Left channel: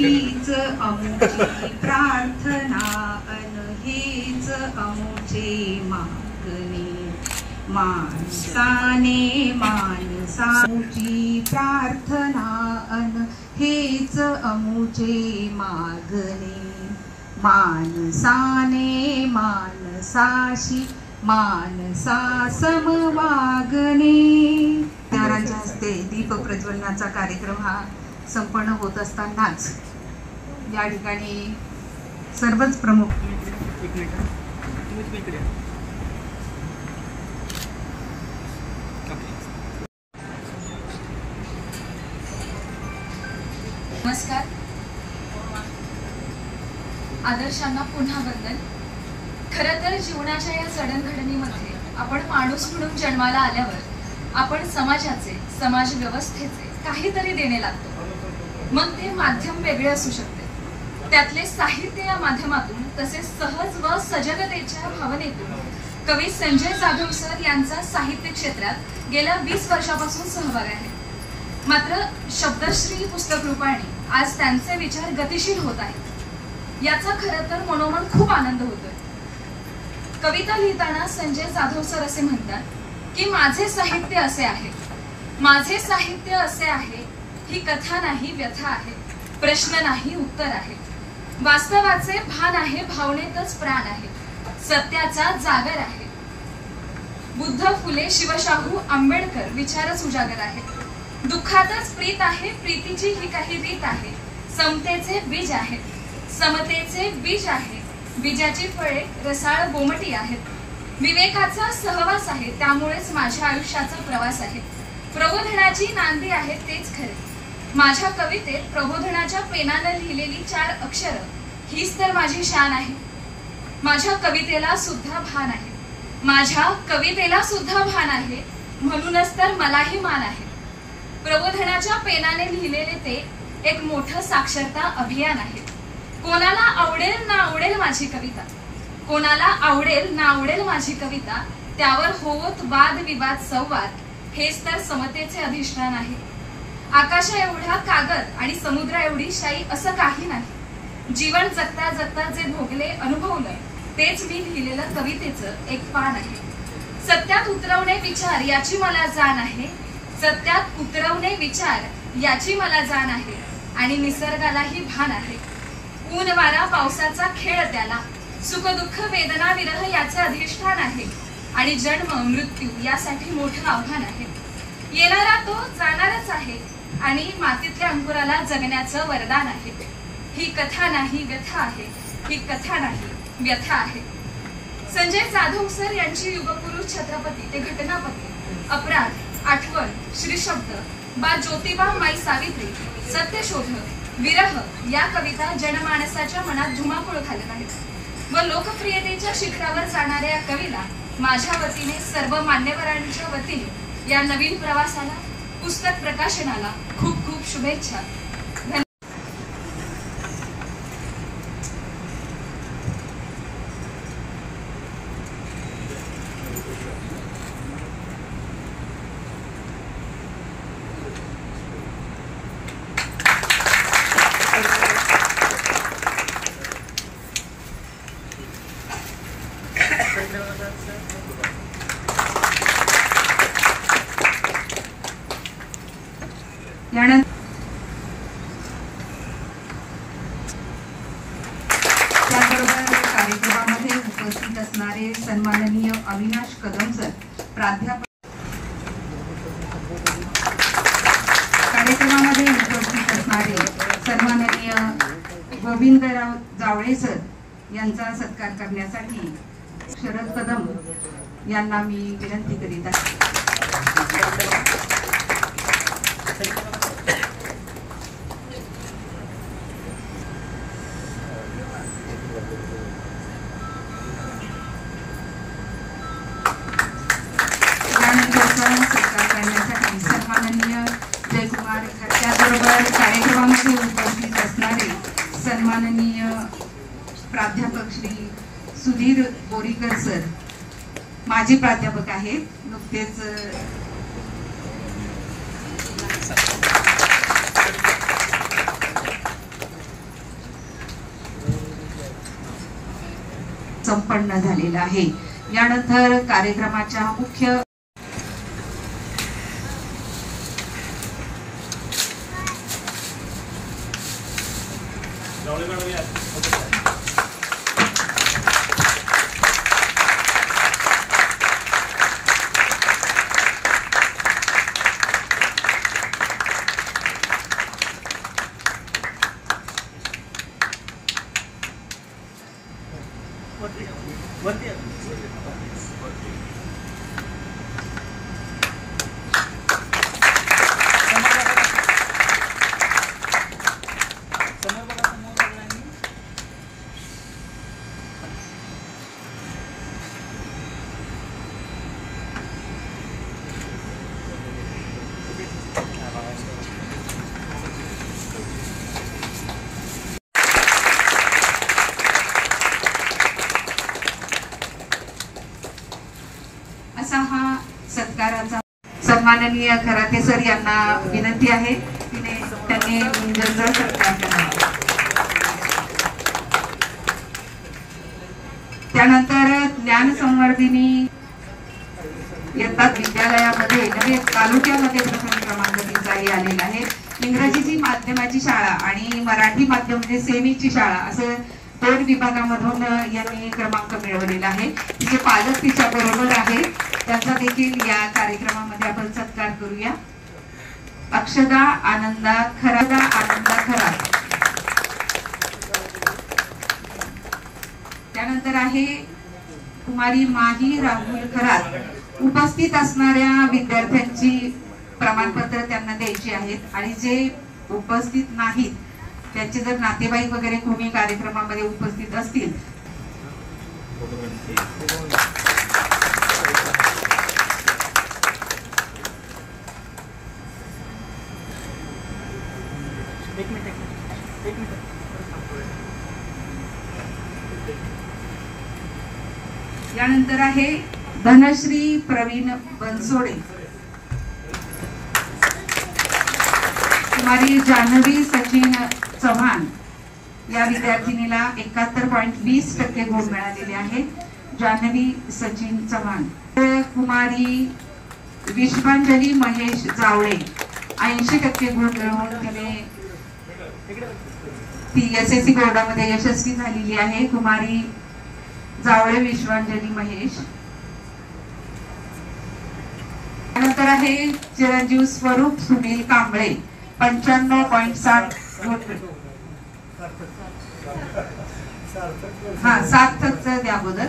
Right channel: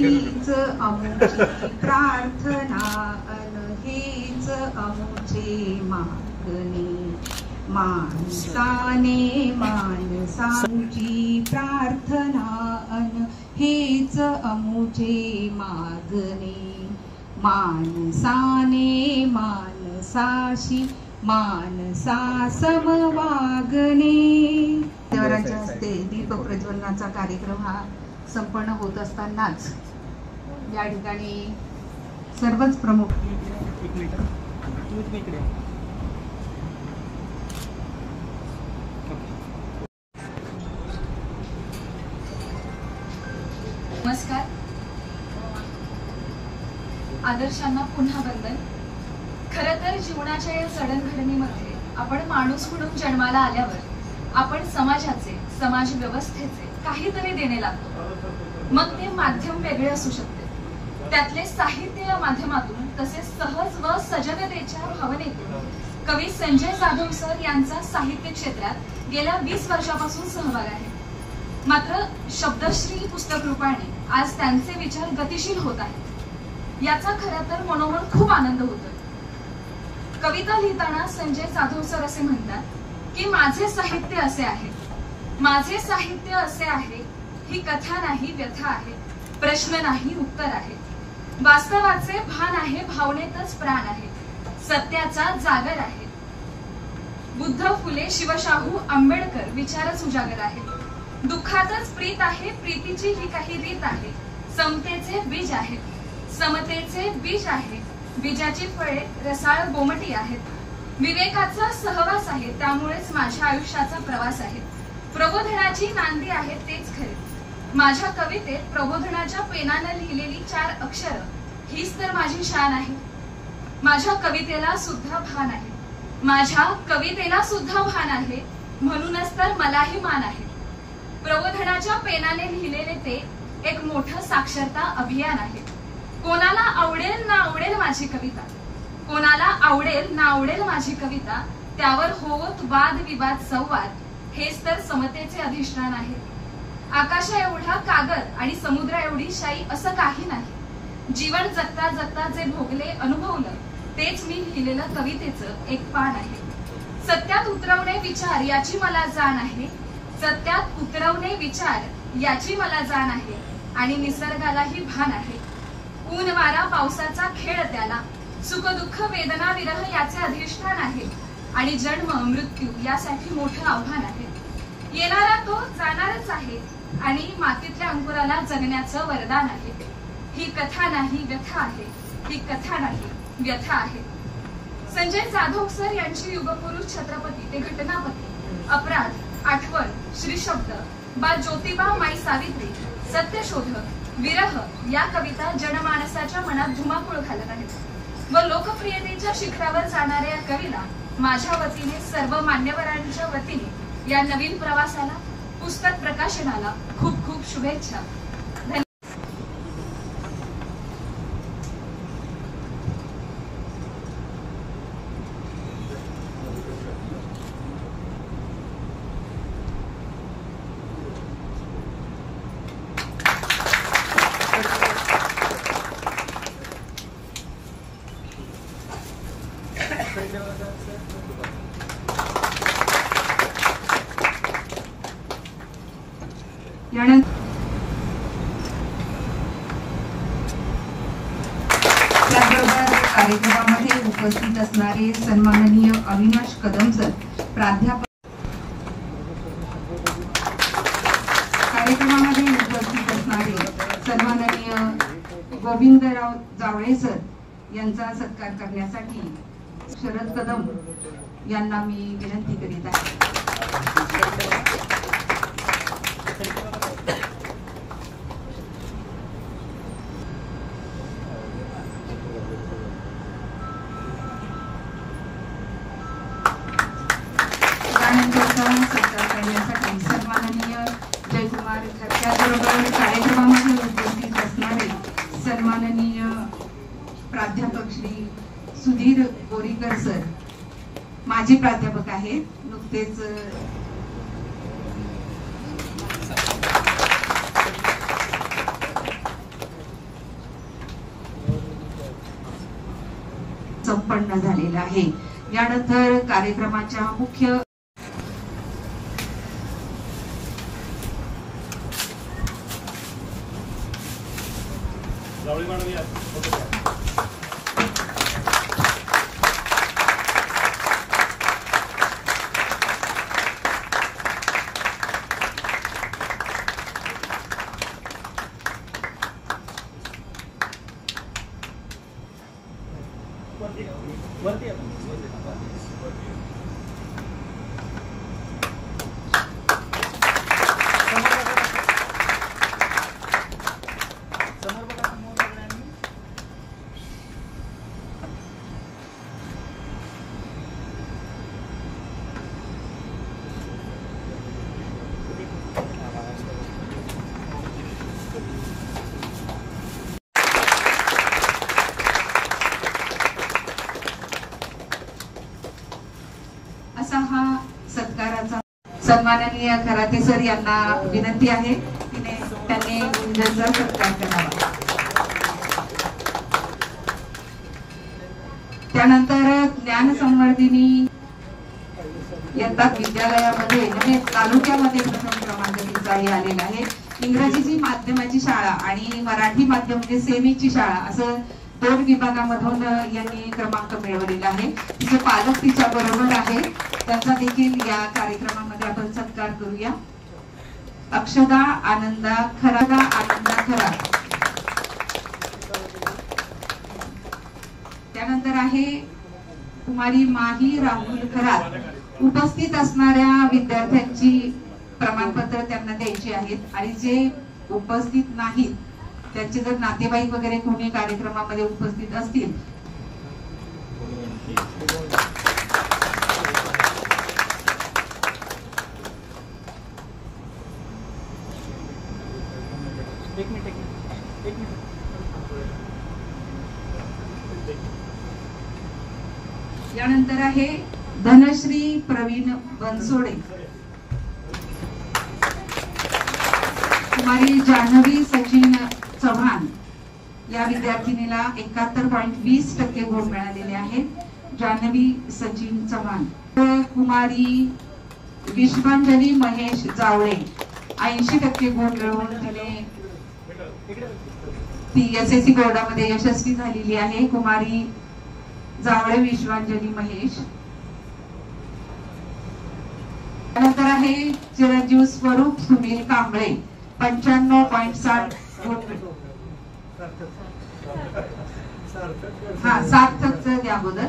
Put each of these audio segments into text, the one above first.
हीच अमुची प्रार्थना अन हीच अमुचे मागणे माणसाने माणसाची प्रार्थना अन हेच अमुचे मागणे माणसाने माणसाशी मानसा समवागणे। देवरांच्या हस्ते दीप प्रज्वलनाचा कार्यक्रम हा संपन्न होत असतानाच या ठिकाणी सर्वच प्रमुख नमस्कार। आदर्शांना पुन्हा वंदन। खरं तर जीवनाच्या या जडणघडणीमध्ये आपण माणूस म्हणून जन्माला आल्यावर आपण समाजाचे समाज व्यवस्थेचे काहीतरी देणे लागतो। मग ते माध्यम वेगळे असू शकते, त्यातले साहित्य या माध्यमातून तसेच सहज व सजगतेच्या भावनेतून कवी संजय जाधव सर यांचा साहित्य क्षेत्रात गेल्या 20 वर्षापासून सहभाग आहे। मात्र शब्दश्री पुस्तक रूपाने आज त्यांचे विचार गतिशील होत आहेत, याचा खरं तर मनोमन खूप आनंद होतोय। कविता लिहिताना संजय जाधव सर असे म्हणतात की माझे साहित्य असे आहे, माझे साहित्य असे आहे, ही कथा नाही व्यथा आहे, प्रश्न नाही उत्तर आहे, वास्तवाचे भान आहे, भावनेतच प्राण आहे, सत्याचा जागर आहे। बुद्ध, फुले, शिवशाहू, आंबेडकर विचारच उजागर आहेत। दुःखातच प्रीत आहे, प्रीतीची ही काही रीत आहे, समतेचे बीज आहे, समतेचे बीज आहे, बीजाची फळे रसाळ गोमटी आहेत, विवेकाचा सहवास आहे, त्यामुळेच माझ्या आयुष्याचा प्रवास आहे, प्रबोधनाची नांदी आहे तेच खरे। माझ्या कवितेत प्रबोधनाच्या पेनाने लिहिलेली 4 अक्षर हीच तर माझी शान आहे। माझ्या कवितेला सुद्धा भान आहे, माझ्या कवितेला सुद्धा भान आहे, म्हणूनच तर मलाही मान आहे। प्रबोधनाच्या पेनाने लिहिलेले ते एक मोठं साक्षरता अभियान आहे। कोणाला आवडेल ना आवडेल माझी कविता, कोणाला आवडेल ना आवडेल माझी कविता, त्यावर होत वाद विवाद संवाद, हेच तर समतेचे अधिष्ठान आहे। आकाशा एवढा कागद आणि समुद्रा एवढी शाई असं काही नाही, जीवन जगता जगता जे भोगले अनुभवलं तेच मी लिहिलेलं कवितेचं एक पान आहे। सत्यात उतरवणे विचार याची मला जाण आहे, सत्यात उतरवणे विचार याची मला जाण आहे, आणि निसर्गालाही भान आहे। ऊन वारा पावसाचा खेळ त्याला, सुख दुःख वेदना विरह याचे अधिष्ठान आहे, आणि जन्म मृत्यू यासाठी मोठं आव्हान आहे। येणारा तो जाणारच आहे, आणि मातीतल्या अंकुराला जगण्याचं वरदान आहे। ही कथा नाही व्यथा आहे, ही कथा नाही व्यथा आहे। संजय जाधव सर यांची युगपुरुष छत्रपती ते घटनापती, अपराध, आठवण, श्रीशब्द, बा ज्योतिबा माई सावित्री, सत्यशोधक, विरह या कविता जनमानसाच्या मनात धुमाकूळ घालत आहेत व लोकप्रियतेच्या शिखरावर जाणाऱ्या या कवीला माझ्या वतीने सर्व मान्यवरांच्या वतीने या नवीन प्रवासाला पुस्तक प्रकाशनाला खूप खूप शुभेच्छा। त्याबरोबर कार्यक्रमामध्ये उपस्थित असणारे सन्माननीय अविनाश कदम सर प्राध्यापक, कार्यक्रमामध्ये उपस्थित असणारे सन्माननीय गोविंदराव जावळे सर यांचा सत्कार करण्यासाठी शरद कदम यांना मी विनंती करीत आहे। सत्कार करण्यासाठी सन्माननीय जयकुमार, त्याचबरोबर कार्यक्रमामध्ये उपस्थित असणारे सन्माननीय प्राध्यापक श्री सुधीर बोरीकर सर, माजी प्राध्यापक आहेत, नुकतेच संपन्न झालेला आहे। यानंतर कार्यक्रमाच्या मुख्य असा हा सत्काराचा सन्माननीय खराते सर यांना विनंती आहे त्यांनी गुंजनचा सत्कार करावा। त्यानंतर ज्ञान संवर्धिनी येतात विद्यालयामध्ये नव्हे तालुक्यामध्ये प्रथम क्रमांक तिचा आलेला आहे। इंग्रजीची माध्यमाची शाळा आणि मराठी माध्यम म्हणजे सेमीची शाळा असे 2 विभागामधून यांनी क्रमांक मिळवलेला आहे। तिचे पालक तिच्या बरोबर आहे, त्यांचा देखील या कार्यक्रमामध्ये आपण सत्कार करूया। अक्षदा आनंदा खरा। त्यानंतर आहे कुमारी माही राहुल खरात। उपस्थित असणाऱ्या विद्यार्थ्यांची प्रमाणपत्र त्यांना द्यायची आहेत आणि जे उपस्थित नाहीत त्यांचे जर नातेवाईक वगैरे कोणी कार्यक्रमामध्ये उपस्थित असतील यानंतर आहे धनश्री प्रवीण बनसोडे, कुमारी जान्हवी सचिन चव्हाण या विद्यार्थिनीला 71.20% गुण मिळालेले आहेत। जान्हवी सचिन चव्हाण। कुमारी विश्वांजली महेश जावळे 80% गुण मिळवून ती SSC बोर्डामध्ये यशस्वी झालेली आहे। कुमारी जावळे विश्वांजली महेश। त्यानंतर आहे चिरंजीव स्वरूप सुनील कांबळे 95.60 सार्थकचं द्या अगोदर।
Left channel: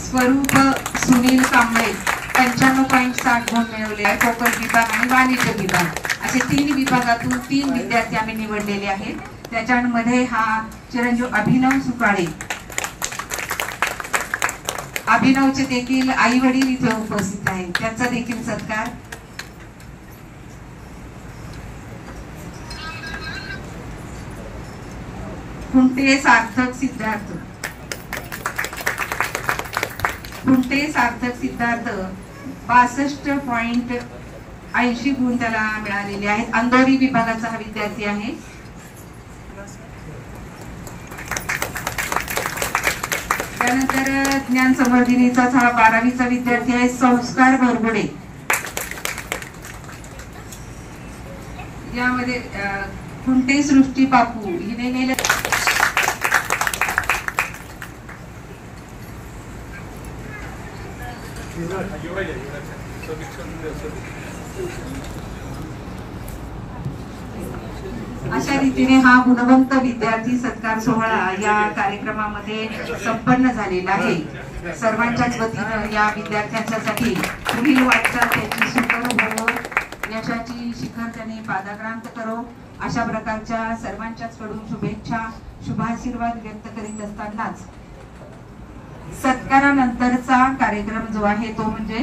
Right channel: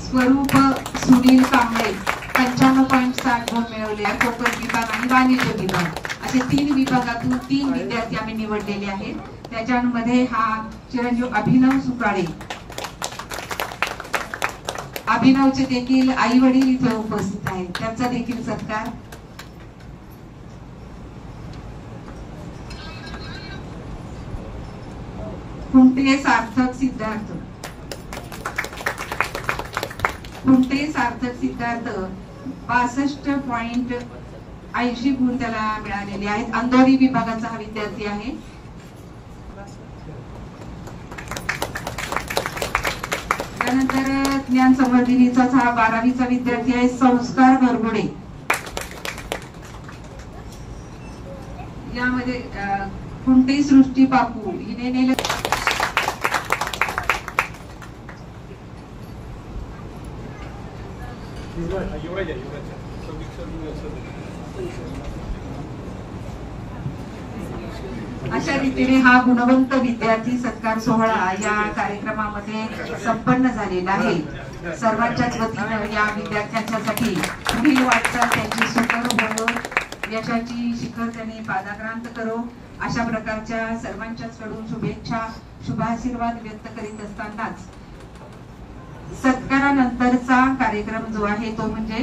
स्वरूप सुनील कांबळे 95.60 गुण मिळवले आहे। कोकण विभाग आणि वाणिज्य विभाग असे 3 विभागातून 3 विद्यार्थी आम्ही निवडलेले आहेत। त्याच्यामध्ये हा चिरंजीव अभिनव सुकाळे, अभिनवचे देखील आई वडील इथे उपस्थित आहेत, त्यांचा देखील सत्कार। कुंटे सार्थक सिद्धार्थ 62.80 गुण त्याला मिळालेले आहेत। अंधोरी विभागाचा हा विद्यार्थी आहे। त्यानंतर ज्ञान संवर्धिनीचा हा 12वीचा विद्यार्थी आहे संस्कार भरगुडे। यामध्ये कुंटे सृष्टी बापू हिने नेले अशा रीतीने हा गुणवंत विद्यार्थी सत्कार सोहळा या कार्यक्रमामध्ये संपन्न झालेला आहे। सर्वांच्याच वतीनं या विद्यार्थ्यांसाठी पुढील वाटचाल त्याची सुकर हो, यशाची शिखर त्यांनी पादाक्रांत करो अशा प्रकारच्या सर्वांच्याच कडून शुभेच्छा शुभाशीर्वाद व्यक्त करीत असतानाच सत्कारानंतरचा कार्यक्रम जो आहे तो म्हणजे